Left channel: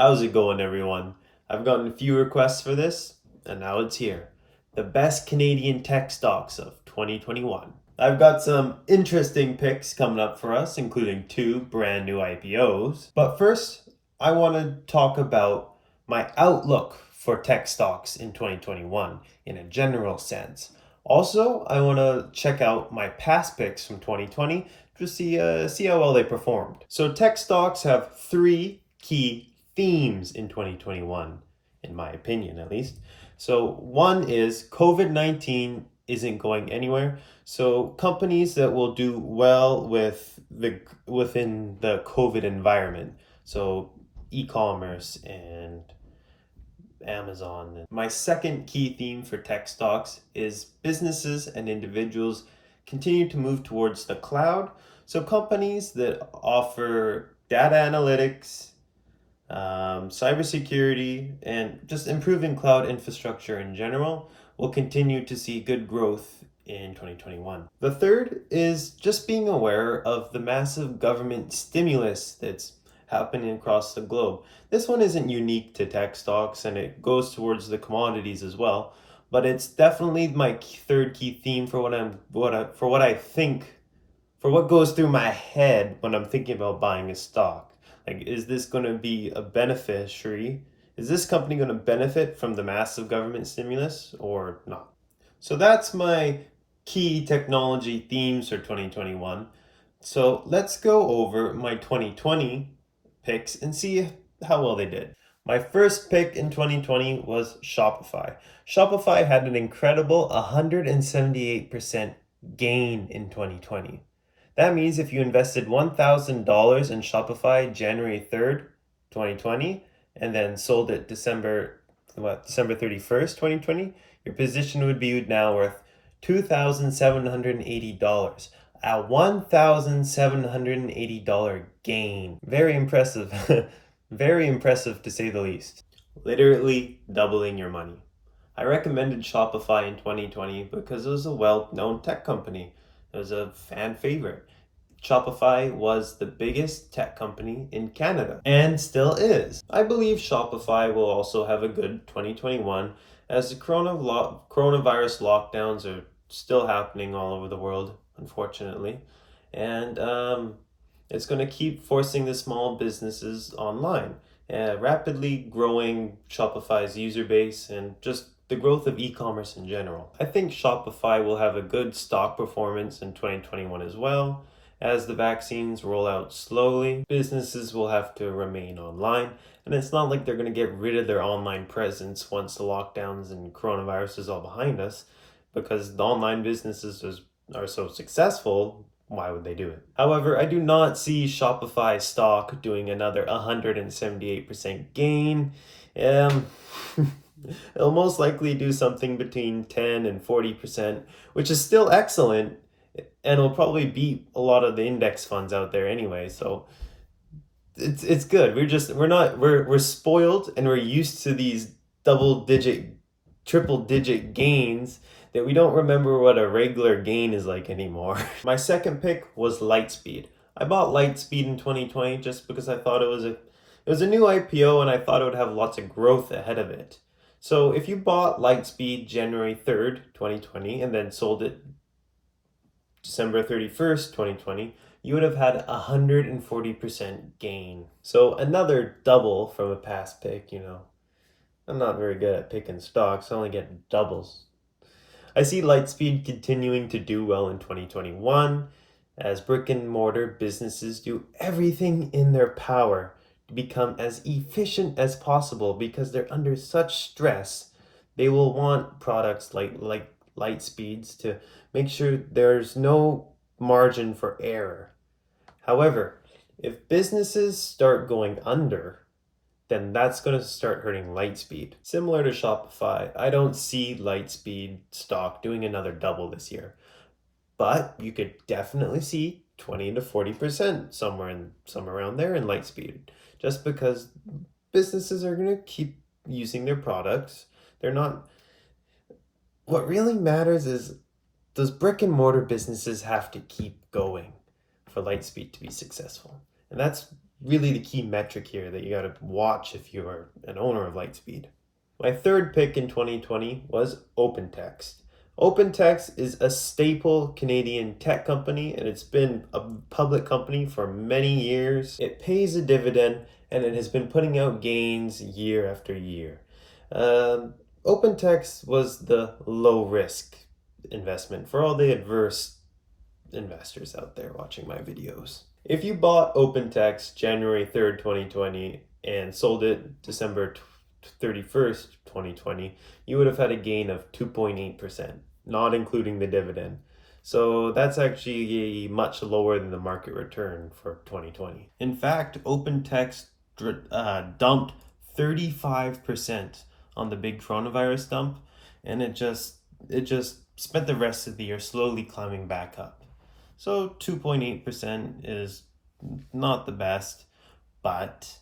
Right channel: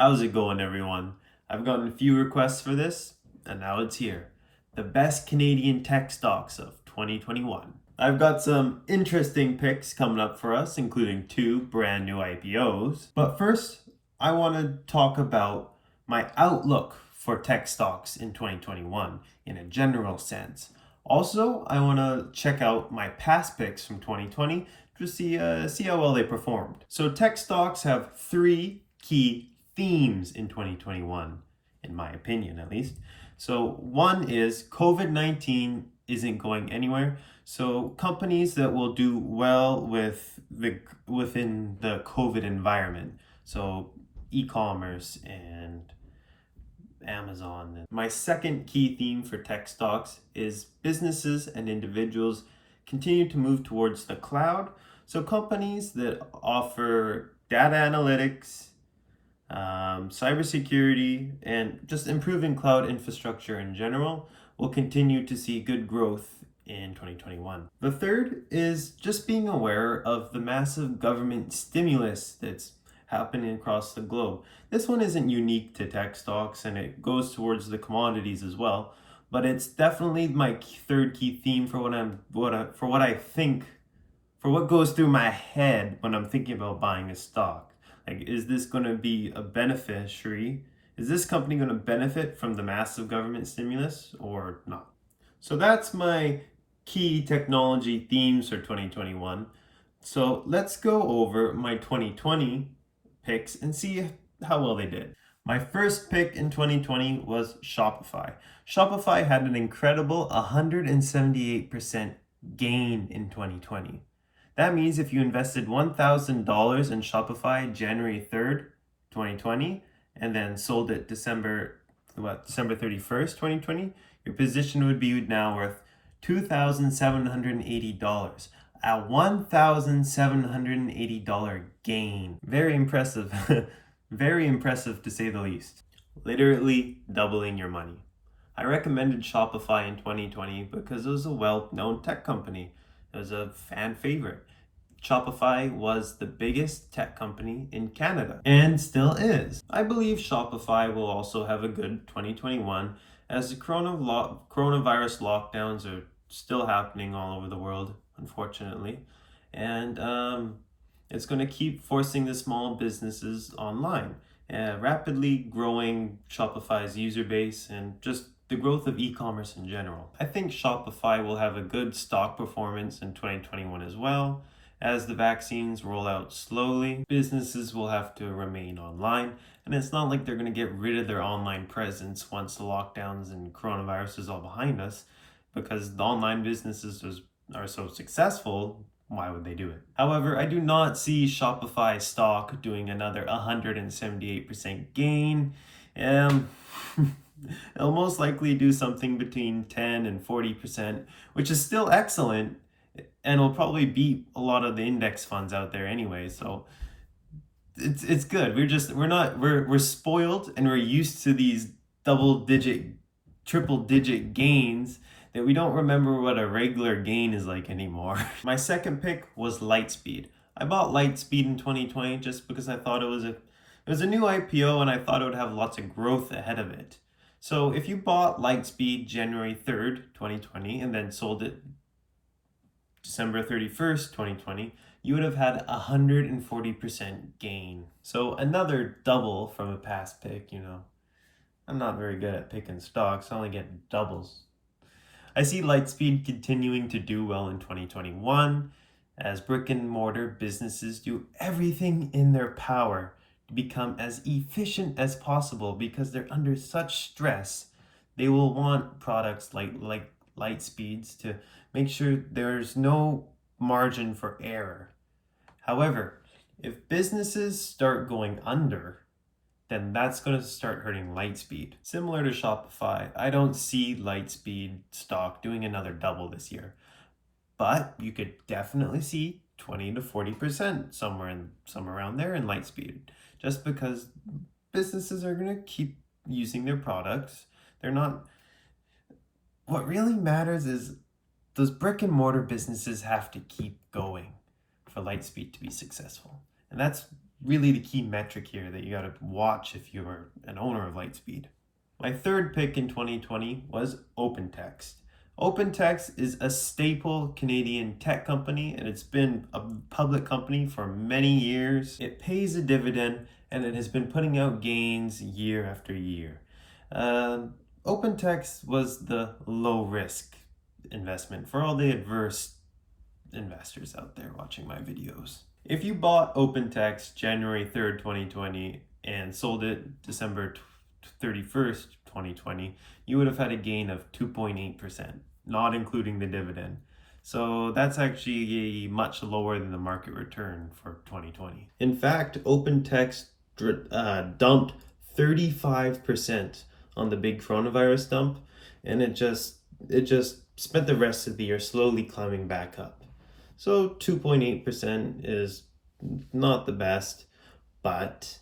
How's it going, everyone? I've gotten a few requests for this, and now it's here. The best Canadian tech stocks of 2021. I've got some interesting picks coming up for us, including 2 brand new IPOs. But first, I want to talk about my outlook for tech stocks in 2021 in a general sense. Also, I want to check out my past picks from 2020 to see how well they performed. So tech stocks have 3 key themes in 2021, in my opinion at least. So one is COVID-19 isn't going anywhere. So companies that will do well within the COVID environment. So e-commerce and Amazon. My second key theme for tech stocks is businesses and individuals continue to move towards the cloud. So companies that offer data analytics, cybersecurity, and just improving cloud infrastructure in general will continue to see good growth in 2021. The third is just being aware of the massive government stimulus that's happening across the globe. This one isn't unique to tech stocks and it goes towards the commodities as well, but it's definitely my third key theme for what goes through my head when I'm thinking about buying a stock. Like, is this going to be a beneficiary? Is this company going to benefit from the massive government stimulus or not? So that's my key technology themes for 2021. So let's go over my 2020 picks and see how well they did. My first pick in 2020 was Shopify. Shopify had an incredible 178% gain in 2020. That means if you invested $1,000 in Shopify January 3rd, 2020, and then sold it December 31st, 2020, your position would be now worth $2,780. A $1,780 gain. Very impressive. Very impressive to say the least. Literally doubling your money. I recommended Shopify in 2020 because it was a well-known tech company. It was a fan favorite. Shopify was the biggest tech company in Canada and still is. I believe Shopify will also have a good 2021 as the coronavirus lockdowns are still happening all over the world, unfortunately. And it's going to keep forcing the small businesses online, rapidly growing Shopify's user base and just the growth of e-commerce in general. I think Shopify will have a good stock performance in 2021 as well. As the vaccines roll out slowly, businesses will have to remain online, and it's not like they're going to get rid of their online presence once the lockdowns and coronavirus is all behind us, because the online businesses are so successful. Why would they do it? However, I do not see Shopify stock doing another 178% gain. It'll most likely do something between 10 and 40%, which is still excellent, and it'll probably beat a lot of the index funds out there anyway. So it's good. We're spoiled and we're used to these triple digit gains that we don't remember what a regular gain is like anymore. My second pick was Lightspeed. I bought Lightspeed in 2020 just because I thought it was a new IPO and I thought it would have lots of growth ahead of it. So if you bought Lightspeed January 3rd, 2020 and then sold it December 31st, 2020, you would have had 140% gain. So another double from a past pick, I'm not very good at picking stocks, I only get doubles. I see Lightspeed continuing to do well in 2021 as brick and mortar businesses do everything in their power to become as efficient as possible because they're under such stress. They will want products like Lightspeeds to make sure there's no margin for error. However, if businesses start going under, then that's going to start hurting Lightspeed. Similar to Shopify, I don't see Lightspeed stock doing another double this year. But you could definitely see 20 to 40% somewhere around there in Lightspeed, just because businesses are going to keep using their products. What really matters is those brick and mortar businesses have to keep going for Lightspeed to be successful. And that's really the key metric here that you got to watch if you're an owner of Lightspeed. My third pick in 2020 was OpenText. OpenText is a staple Canadian tech company, and it's been a public company for many years. It pays a dividend, and it has been putting out gains year after year. OpenText was the low risk investment for all the adverse investors out there watching my videos. If you bought OpenText January 3rd, 2020 and sold it December 31st, 2020, you would have had a gain of 2.8%, not including the dividend. So that's actually much lower than the market return for 2020. In fact, OpenText dumped 35% on the big coronavirus dump, and it just spent the rest of the year slowly climbing back up. So 2.8% is not the best, but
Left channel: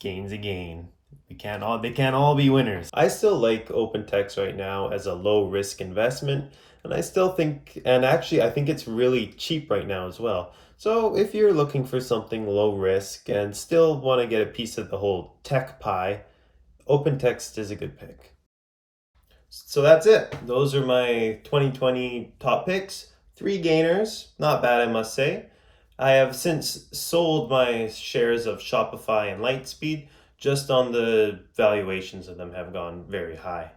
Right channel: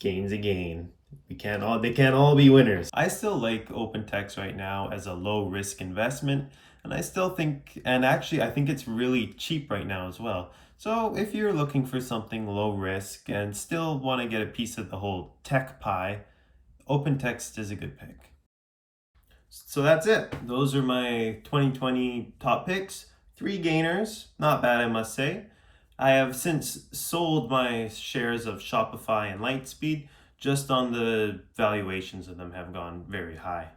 gain's a gain. They can't all be winners. I still like OpenText right now as a low risk investment, and I think it's really cheap right now as well. So if you're looking for something low risk and still want to get a piece of the whole tech pie, OpenText is a good pick. So that's it. Those are my 2020 top picks. 3 gainers, not bad, I must say. I have since sold my shares of Shopify and Lightspeed just on the valuations of them have gone very high.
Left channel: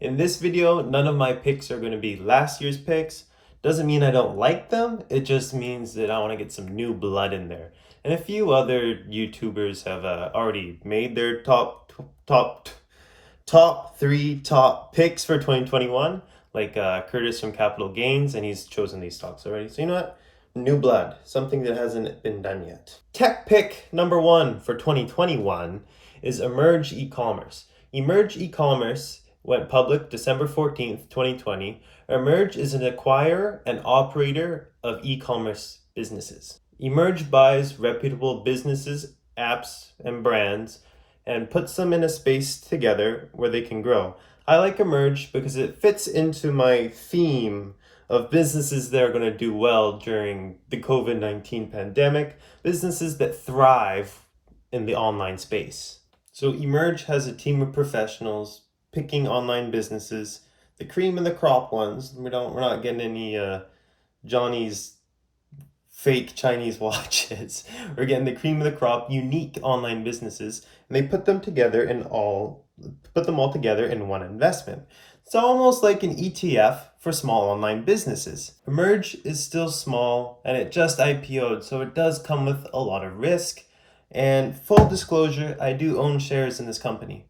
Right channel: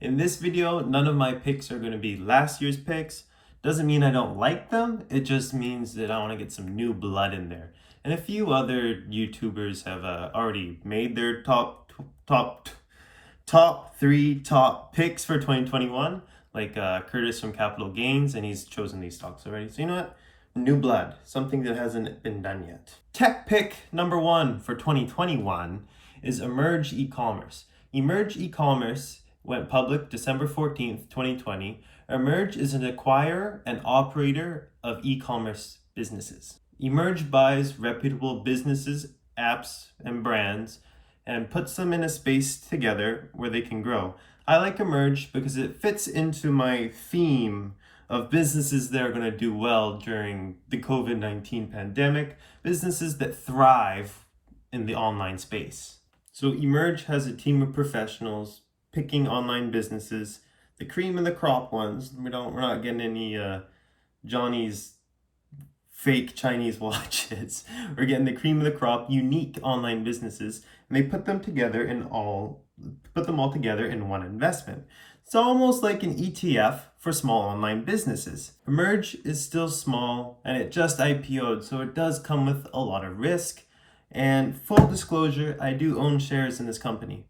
In this video, none of my picks are going to be last year's picks. Doesn't mean I don't like them, it just means that I want to get some new blood in there. And a few other YouTubers have already made their top 3 top picks for 2021, like Curtis from Capital Gains, and he's chosen these stocks already. So you know what? New blood, something that hasn't been done yet. Tech pick number 1 for 2021 is Emerge Ecommerce. Emerge Ecommerce went public December 14th, 2020. Emerge is an acquirer and operator of e-commerce businesses. Emerge buys reputable businesses, apps, and brands and puts them in a space together where they can grow. I like Emerge because it fits into my theme of businesses that are going to do well during the COVID-19 pandemic, businesses that thrive in the online space. So Emerge has a team of professionals picking online businesses, the cream of the crop ones. We're not getting any Johnny's fake Chinese watches. We're getting the cream of the crop, unique online businesses, and they put them all together in one investment. It's almost like an ETF for small online businesses. Emerge is still small and it just IPO'd, so it does come with a lot of risk. And full disclosure, I do own shares in this company.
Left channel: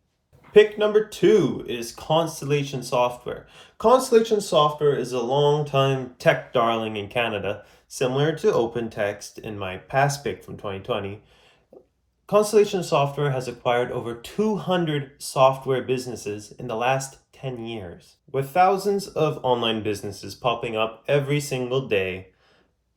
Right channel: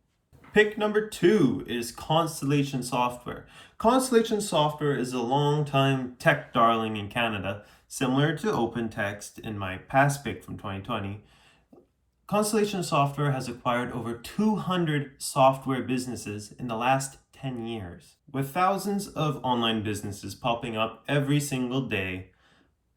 Pick number 2 is Constellation Software. Constellation Software is a long-time tech darling in Canada, similar to OpenText in my past pick from 2020. Constellation Software has acquired over 200 software businesses in the last 10 years. With thousands of online businesses popping up every single day,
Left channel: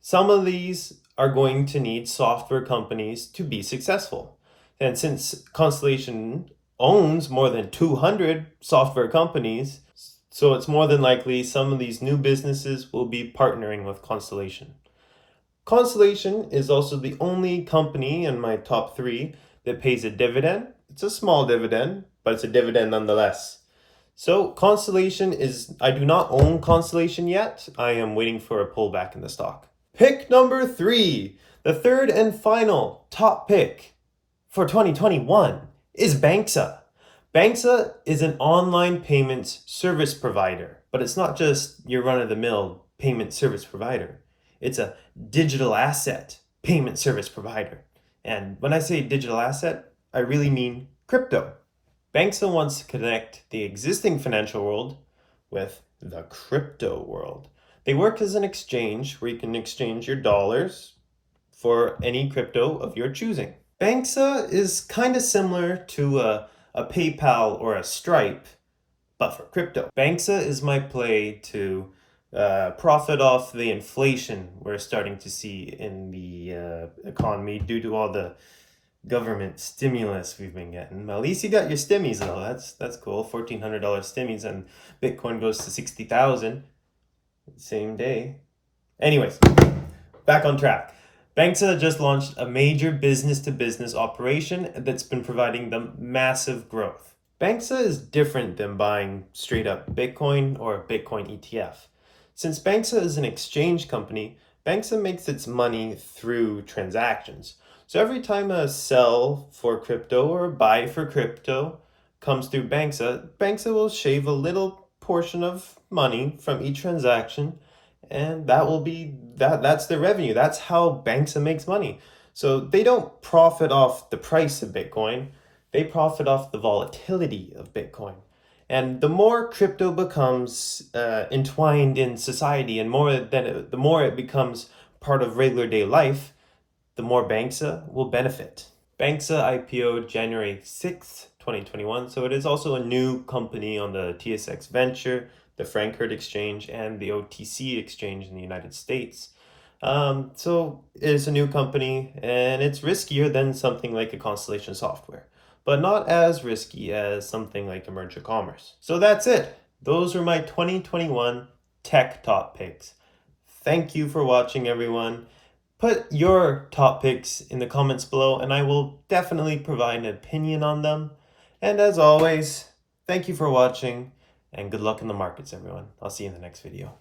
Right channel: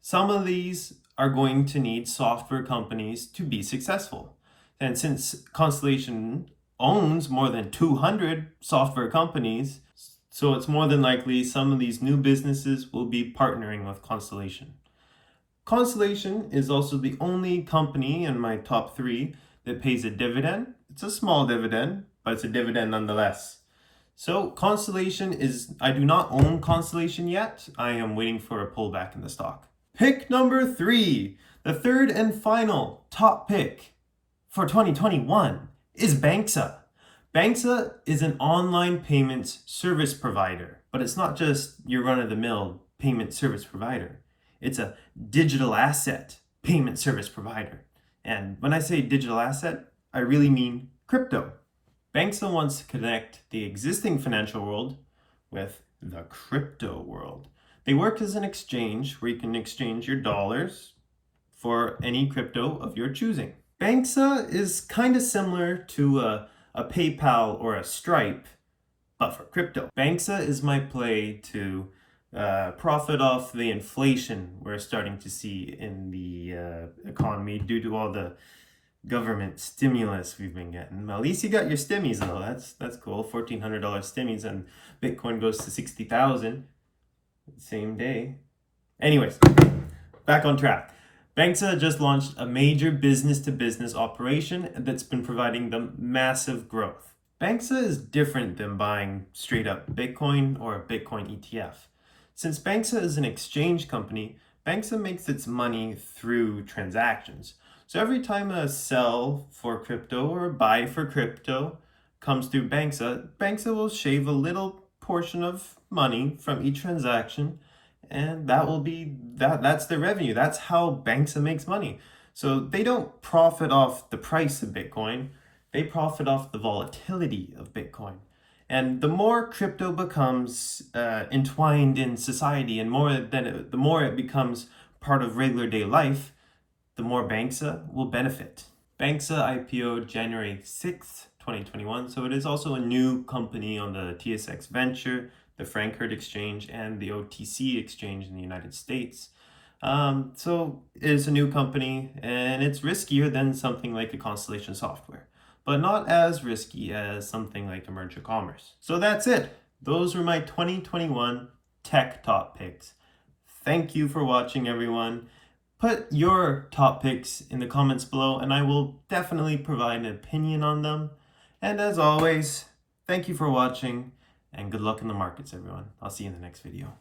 some of these are going to need software companies to be successful. And since Constellation owns more than 200 software companies, so it's more than likely some of these new businesses will be partnering with Constellation. Constellation is also the only company in my top 3 that pays a dividend. It's a small dividend, but it's a dividend nonetheless. So I do not own Constellation yet. I am waiting for a pullback in the stock. Pick number 3, the third and final top pick for 2021 is Banksa. Banksa is an online payments service provider, but it's not just your run-of-the-mill payment service provider. It's a digital asset payment service provider. And when I say digital asset, I really mean crypto. Banksa wants to connect the existing financial world with the crypto world. They work as an exchange where you can exchange your dollars for any crypto of your choosing. Banksa is kind of similar to a PayPal or a Stripe, but for crypto. Banksa is my play to profit off the inflation we're starting to see in the economy due to all the government stimulus we've been getting. Well, at least you got your stimmies though. That's cool. $1,400 stimmies, and Bitcoin goes to 60,000 same day. Anyways, back on track. Banksa just launched a major business-to-business operation that's been providing them massive growth. Banksa is different than buying straight up Bitcoin or a Bitcoin ETF. Since Banksa is an exchange company, Banksa makes its money through transactions. So every time a sell for crypto or a buy for crypto comes through Banksa, Banksa will shave a little portion of money from each transaction, and that's their revenue. That's how Banksa makes money. So they don't profit off the price of Bitcoin, they profit off the volatility of Bitcoin. And the more crypto becomes entwined in society, and the more it becomes part of regular day life, the more Banksa will benefit. Banksa IPO'd January 6th, 2021, so it is also a new company on the TSX Venture, the Frankfurt Exchange, and the OTC Exchange in the United States. So it's a new company, and it's riskier than something like a Constellation Software, but not as risky as something like Ecommerce. So that's it. Those were my 2021 tech top picks. Thank you for watching, everyone. Put your top picks in the comments below, and I will definitely provide an opinion on them. And as always, thank you for watching, and good luck in the markets, everyone. I'll see you in the next video.